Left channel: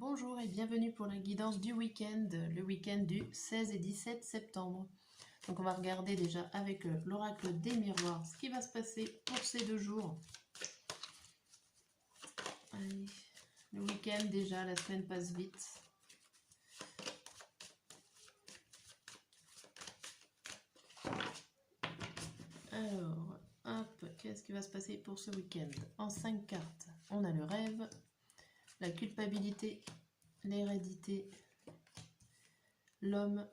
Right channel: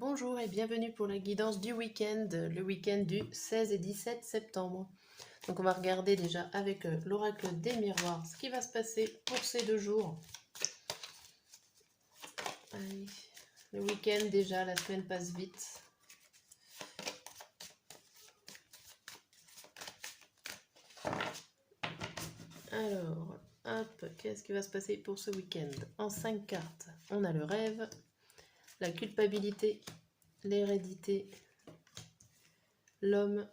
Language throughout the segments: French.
Bonjour et bienvenue pour la guidance du week-end, le week-end du 16 et 17 septembre. Donc on va regarder déjà avec l'oracle des miroirs ce qui va se passer pour ces 2 jours. Allez, le week-end déjà, la semaine passe vite. Alors, hop, qu'est-ce qui va se passer pour ce week-end? En 5 cartes, on a le rêve, la culpabilité, l'hérédité, l'homme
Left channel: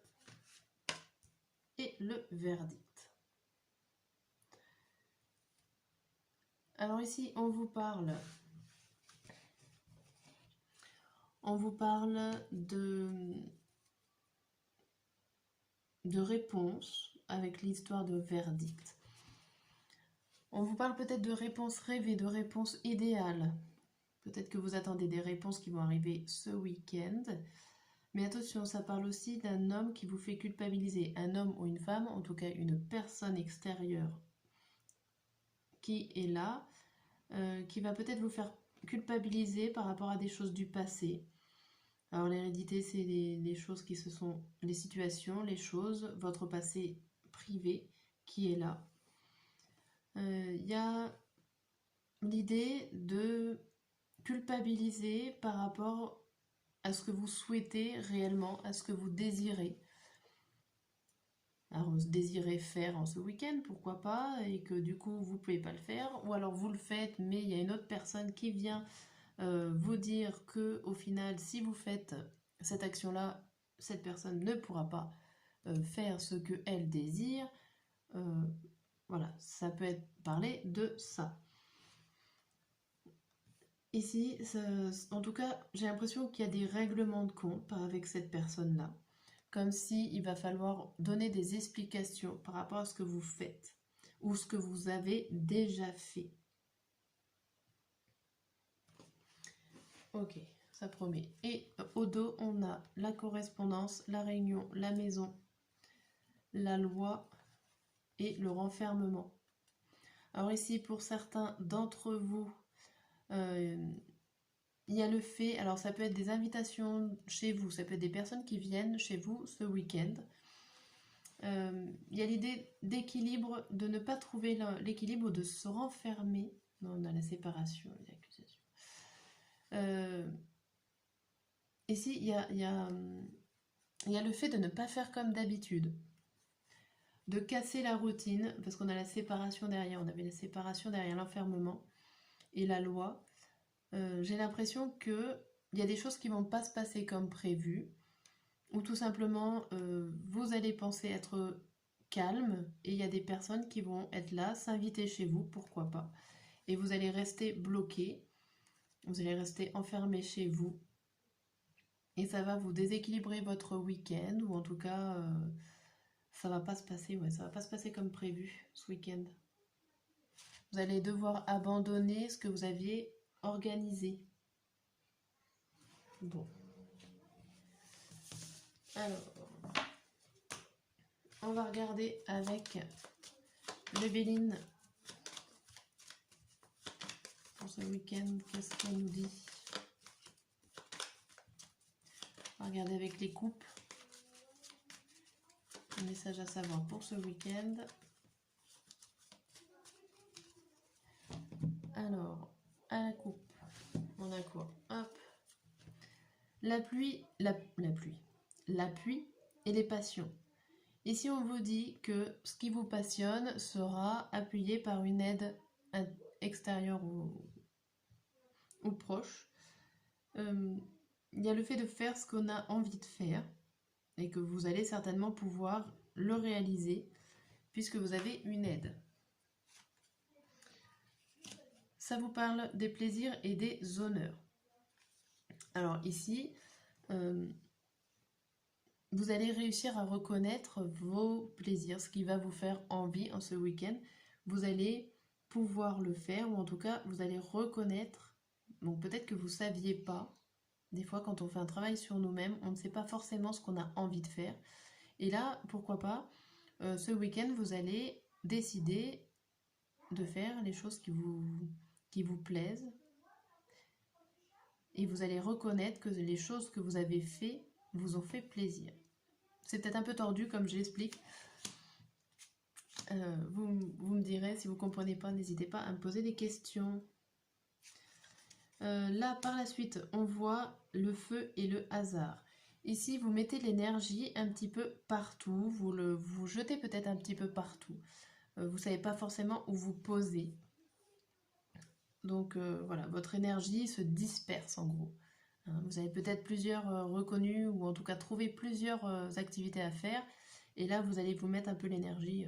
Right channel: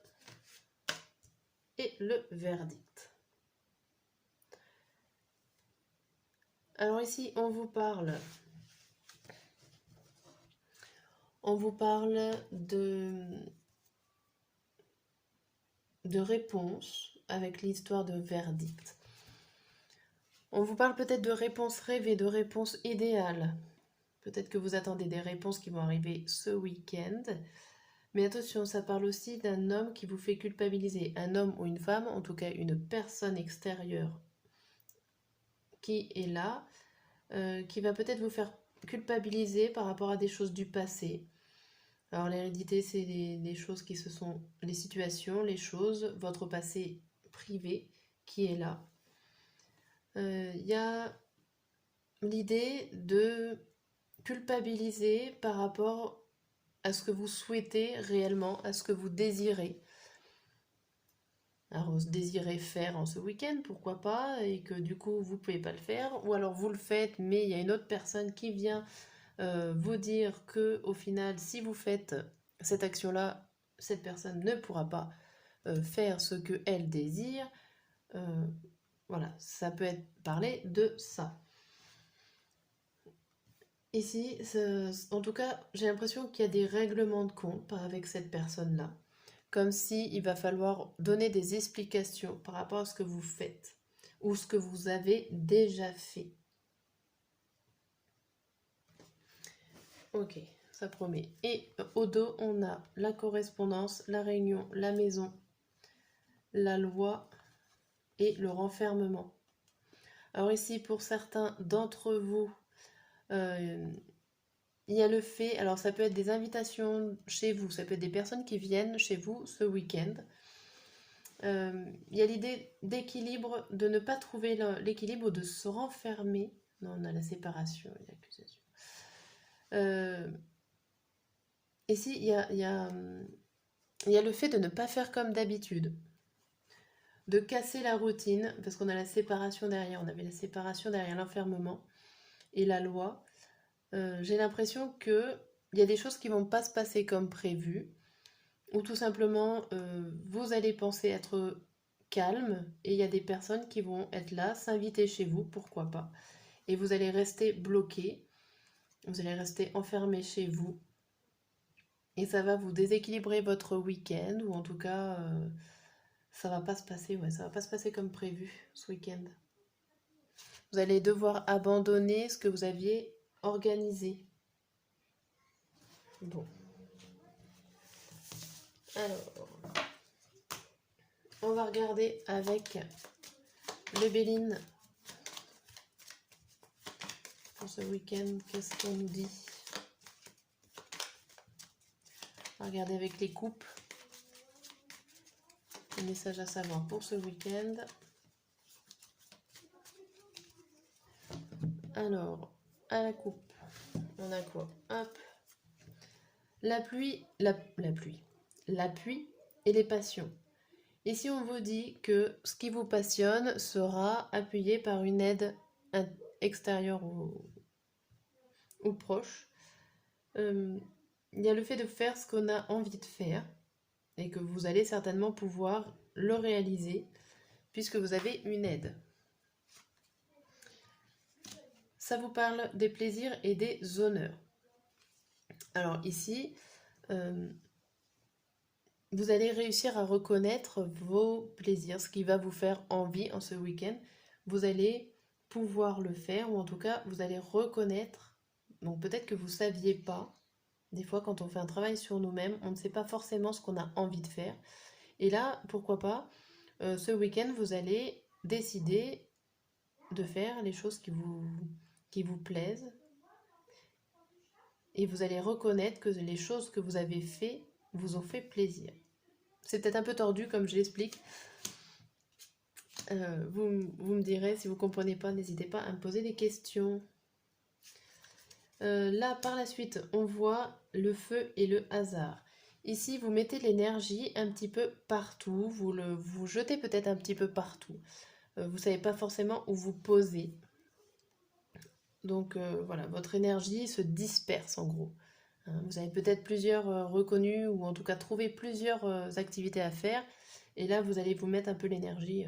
et le verdict. Alors ici, on vous parle de réponses avec l'histoire de verdict. On vous parle peut-être de réponses rêvées, de réponses idéales. Peut-être que vous attendez des réponses qui vont arriver ce week-end. Mais attention, ça parle aussi d'un homme qui vous fait culpabiliser. Un homme ou une femme, en tout cas une personne extérieure qui est là, qui va peut-être vous faire culpabiliser par rapport à des choses du passé. Alors l'hérédité, c'est les choses qui se sont... les situations, les choses, votre passé privé qui est là. Y a l'idée de culpabiliser par rapport à ce que vous souhaitez réellement, à ce que vous désirez. Alors, désirez faire en ce week-end, pourquoi pas, et que du coup, vous ne pouvez pas le faire, ou alors vous le faites, mais il y a une autre personne qui vient vous dire que au final, si vous faites cette action-là, cette personne ne pourra pas faire ce qu'elle désire. Voilà, ça peut être parlé de ça. Ici, en tout cas, j'ai l'impression qu'il y a des règlements de compte avec cette personne-là. Comme si il va falloir donner des explications par rapport à ce que vous faites ou ce que vous avez déjà fait. Ok, ça promet. Et au dos, on a la correspondance, la réunion, la maison, la loi et le renfermement. Alors ici, pour certains d'entre vous, il y a le fait, alors ça peut être des invitations chez vous, ça peut être des personnes qui viennent chez vous ce week-end. Il y a l'idée d'équilibre, de ne pas trouver l'équilibre ou de se renfermer. Non, on a la séparation et l'accusation. Ici, il y a le fait de ne pas faire comme d'habitude, de casser la routine, parce qu'on a la séparation derrière, on avait la séparation derrière l'enfermement et la loi. J'ai l'impression qu'il y a des choses qui ne vont pas se passer comme prévu, ou tout simplement vous allez penser être calme et il y a des personnes qui vont être là, s'inviter chez vous, pourquoi pas, et vous allez rester bloqué, vous allez rester enfermé chez vous et ça va vous déséquilibrer votre week-end, ou en tout cas ça va pas se passer, ça va pas se passer comme prévu ce week-end. Vous allez devoir abandonner ce que vous aviez organisé. Bon. Alors, on va regarder avec le Béline pour ce week-end. Qu'est-ce qu'on nous dit? On va regarder avec les coupes. Un message à savoir pour ce week-end. Alors, à la coupe, on a quoi? Hop. La pluie et les passions. Ici, on vous dit que ce qui vous passionne sera appuyé par une aide extérieure ou proche. Il y a le fait de faire ce qu'on a envie de faire et que vous allez certainement pouvoir le réaliser puisque vous avez une aide. Ça vous parle des plaisirs et des honneurs. Alors ici, vous allez réussir à reconnaître vos plaisirs, ce qui va vous faire envie en ce week-end. Vous allez pouvoir le faire, ou en tout cas, vous allez reconnaître. Donc peut-être que vous ne saviez pas. Des fois, quand on fait un travail sur nous-mêmes, on ne sait pas forcément ce qu'on a envie de faire. Et là, pourquoi pas, ce week-end, vous allez décider de faire les choses qui vous plaisent. et vous allez reconnaître que les choses que vous avez fait vous ont fait plaisir. C'est peut-être un peu tordu comme je l'explique. Vous me direz, si vous ne comprenez pas, n'hésitez pas à me poser des questions. Là, par la suite, on voit le feu et le hasard. Ici, vous mettez l'énergie un petit peu partout, vous jetez peut-être un petit peu partout. Vous ne savez pas forcément où vous poser. Donc voilà, votre énergie se disperse en gros. Vous avez peut-être plusieurs reconnus ou en tout cas trouvé plusieurs activités à faire. Et là, vous allez vous mettre un peu l'énergie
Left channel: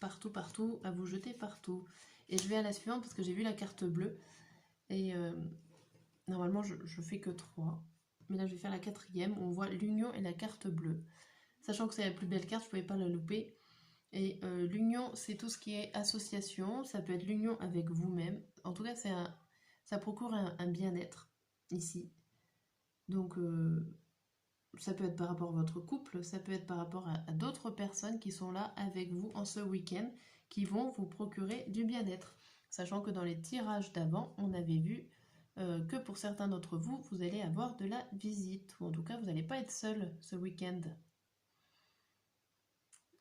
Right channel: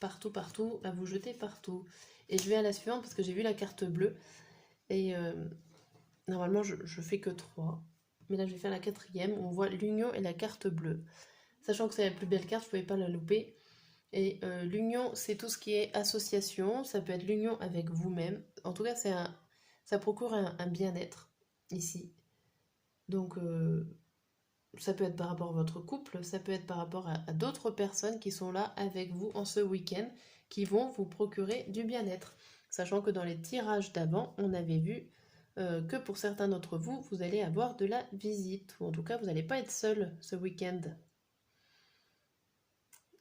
partout, partout, à vous jeter partout. Et je vais à la suivante parce que j'ai vu la carte bleue. Et normalement, je fais que 3. Mais là, je vais faire la 4e. On voit l'union et la carte bleue. Sachant que c'est la plus belle carte, je ne pouvais pas la louper. Et l'union, c'est tout ce qui est association. Ça peut être l'union avec vous-même. En tout cas, ça procure un bien-être ici. Donc, ça peut être par rapport à votre couple. Ça peut être par rapport à d'autres personnes qui sont là avec vous en ce week-end, qui vont vous procurer du bien-être. Sachant que dans les tirages d'avant, on avait vu que pour certains d'entre vous, vous allez avoir de la visite. Ou en tout cas, vous n'allez pas être seul ce week-end.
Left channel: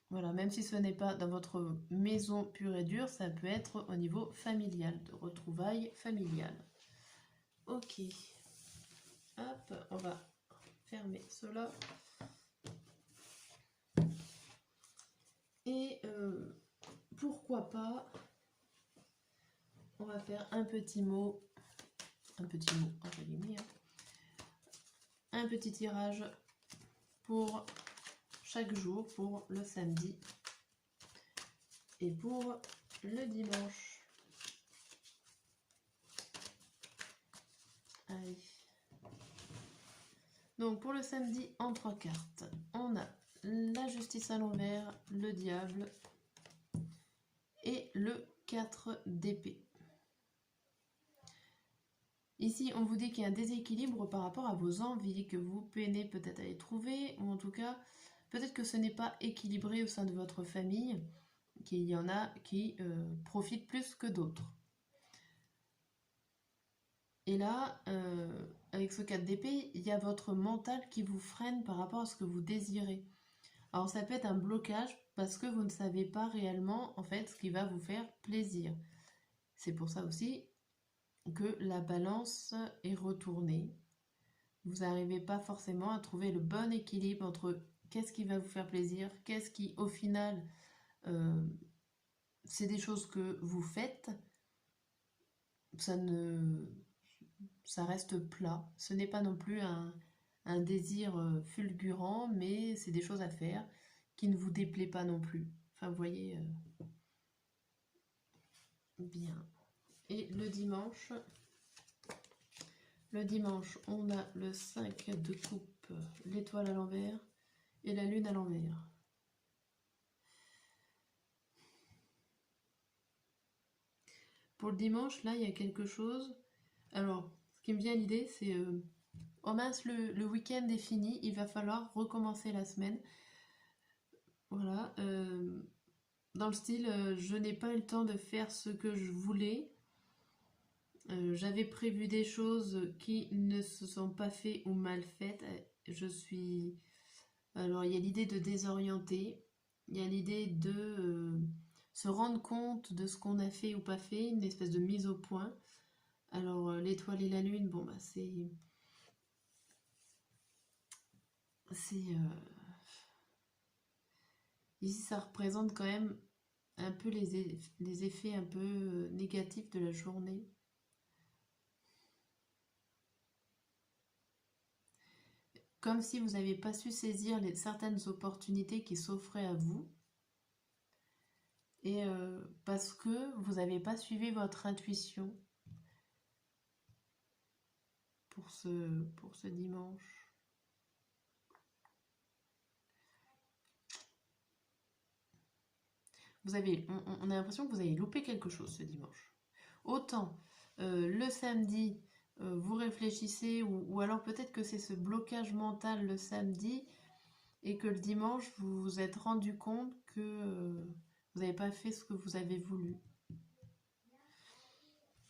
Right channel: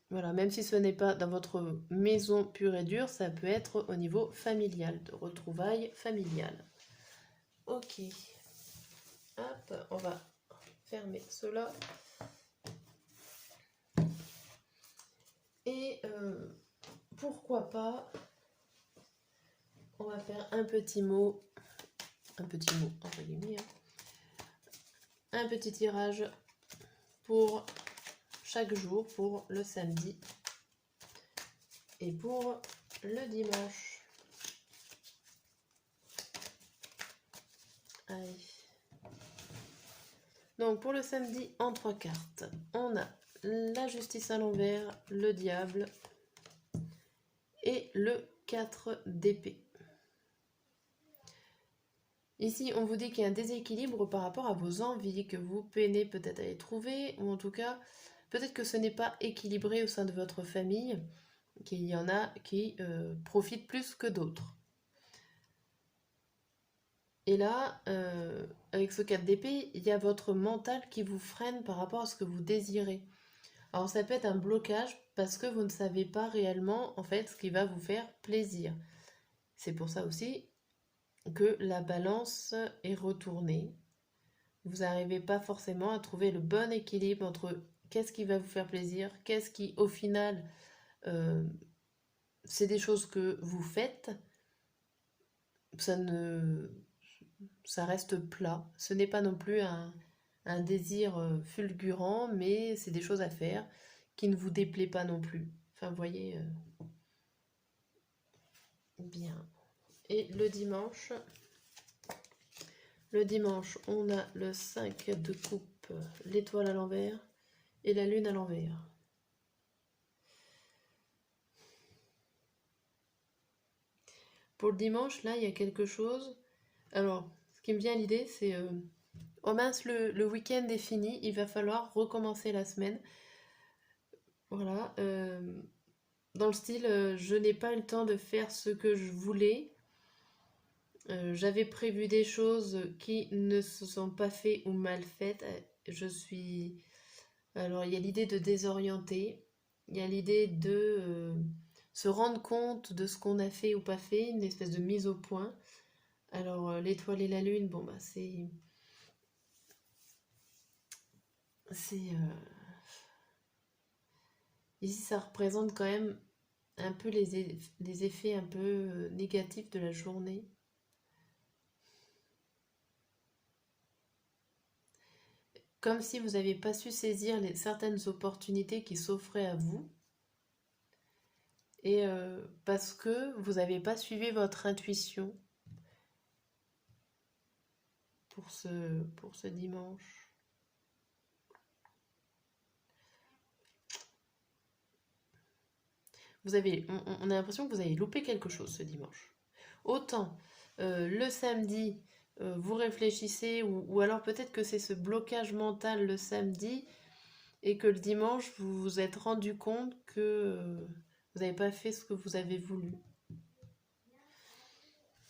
Voilà, même si ce n'est pas dans votre maison pure et dure, ça peut être au niveau familial, de retrouvailles familiales. Ok. Hop, on va fermer cela. Et pourquoi pas, on va faire un petit mot, entre guillemets, un petit tirage pour chaque jour, pour le samedi et pour le dimanche. Allez. Donc pour le samedi, en 3 cartes, on a la justice à l'envers, le diable et le 4 d'épée. Ici, on vous dit qu'il y a un déséquilibre par rapport à vos envies, que vous peinez peut-être à les trouver, ou en tout cas, peut-être que ce n'est pas équilibré au sein de votre famille, qu'il y en a qui profitent plus que d'autres. Et là, avec ce 4 d'épée, il y a votre mental qui vous freine par rapport à ce que vous désirez. Alors ça peut être un blocage parce que vous ne savez pas réellement en fait ce qui va vous faire plaisir. C'est pour ça aussi que la balance est retournée. Vous n'arrivez pas forcément à trouver le bon équilibre entre qu'est-ce qui va vous faire plaisir, qu'est-ce qui au final c'est des choses que vous faites, ça reste plat. Ce n'est pas non plus un désir fulgurant, mais c'est des choses à faire qui ne vous déplaît pas non plus. Enfin, vous voyez, bien. Et le dimanche, on a le 5 de coupe, l'étoile à l'envers et la lune à l'envers. Pour le dimanche, là, il y a quelque chose. Alors, ce qui me vient à l'idée, c'est oh mince, le week-end est fini, il va falloir recommencer la semaine. Voilà. Dans le style, je n'ai pas eu le temps de faire ce que je voulais. J'avais prévu des choses qui ne se sont pas faites ou mal faites. Je suis... Alors, il y a l'idée de désorienter. Il y a l'idée de se rendre compte de ce qu'on a fait ou pas fait, une espèce de mise au point. Alors, l'étoile et la lune, bon, bah, c'est... Ici, ça représente quand même un peu les effets un peu négatifs de la journée. Comme si vous n'aviez pas su saisir certaines opportunités qui s'offraient à vous. Et parce que vous n'avez pas suivi votre intuition pour ce dimanche. On a l'impression que vous avez loupé quelque chose ce dimanche. Autant le samedi, vous réfléchissez, ou alors peut-être que c'est ce blocage mental le samedi, et que le dimanche, vous vous êtes rendu compte que vous n'avez pas fait ce que vous avez voulu.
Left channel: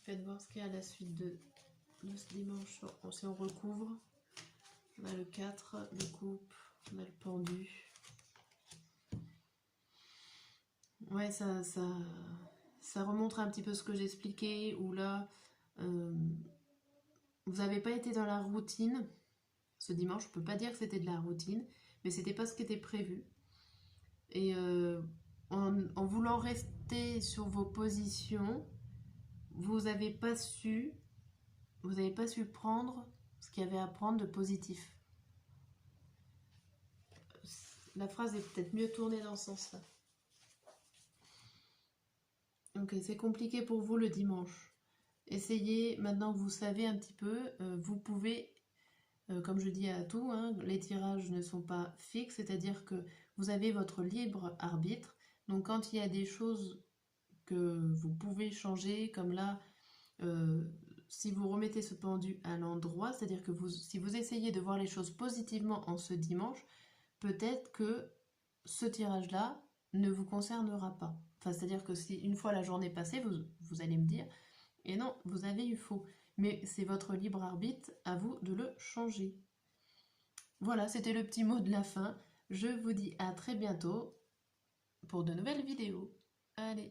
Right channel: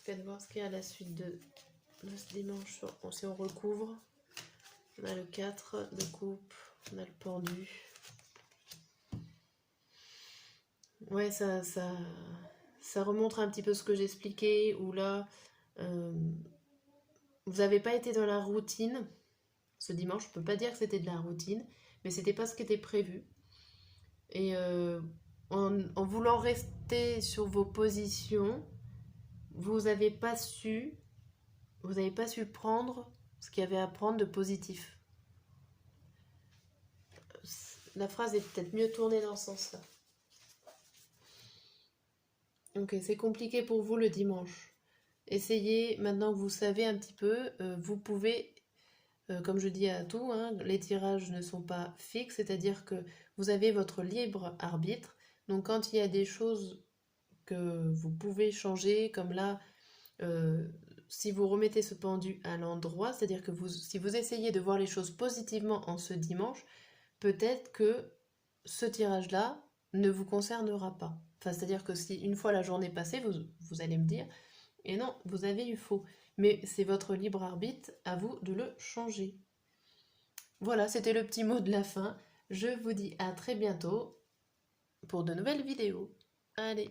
Faites voir ce qu'il y a à la suite de de ce dimanche. Bon, si on recouvre, on a le 4 de coupe, on a le pendu. Ouais, ça remontre un petit peu ce que j'expliquais, où là, vous n'avez pas été dans la routine. Ce dimanche, je ne peux pas dire que c'était de la routine, mais c'était pas ce qui était prévu. Et en voulant rester sur vos positions, vous n'avez pas su prendre ce qu'il y avait à prendre de positif. La phrase est peut-être mieux tournée dans ce sens-là. Ok, c'est compliqué pour vous le dimanche. Essayez, maintenant que vous savez un petit peu, vous pouvez, comme je dis à tout, hein, les tirages ne sont pas fixes, c'est-à-dire que vous avez votre libre arbitre. Donc quand il y a des choses que vous pouvez changer, comme là, si vous remettez ce pendu à l'endroit, c'est-à-dire que si vous essayez de voir les choses positivement en ce dimanche, peut-être que ce tirage-là ne vous concernera pas. Enfin, c'est-à-dire que si une fois la journée passée, vous allez me dire, et non, vous avez eu faux. Mais c'est votre libre arbitre, à vous de le changer. Voilà, c'était le petit mot de la fin. Je vous dis à très bientôt pour de nouvelles vidéos. Allez!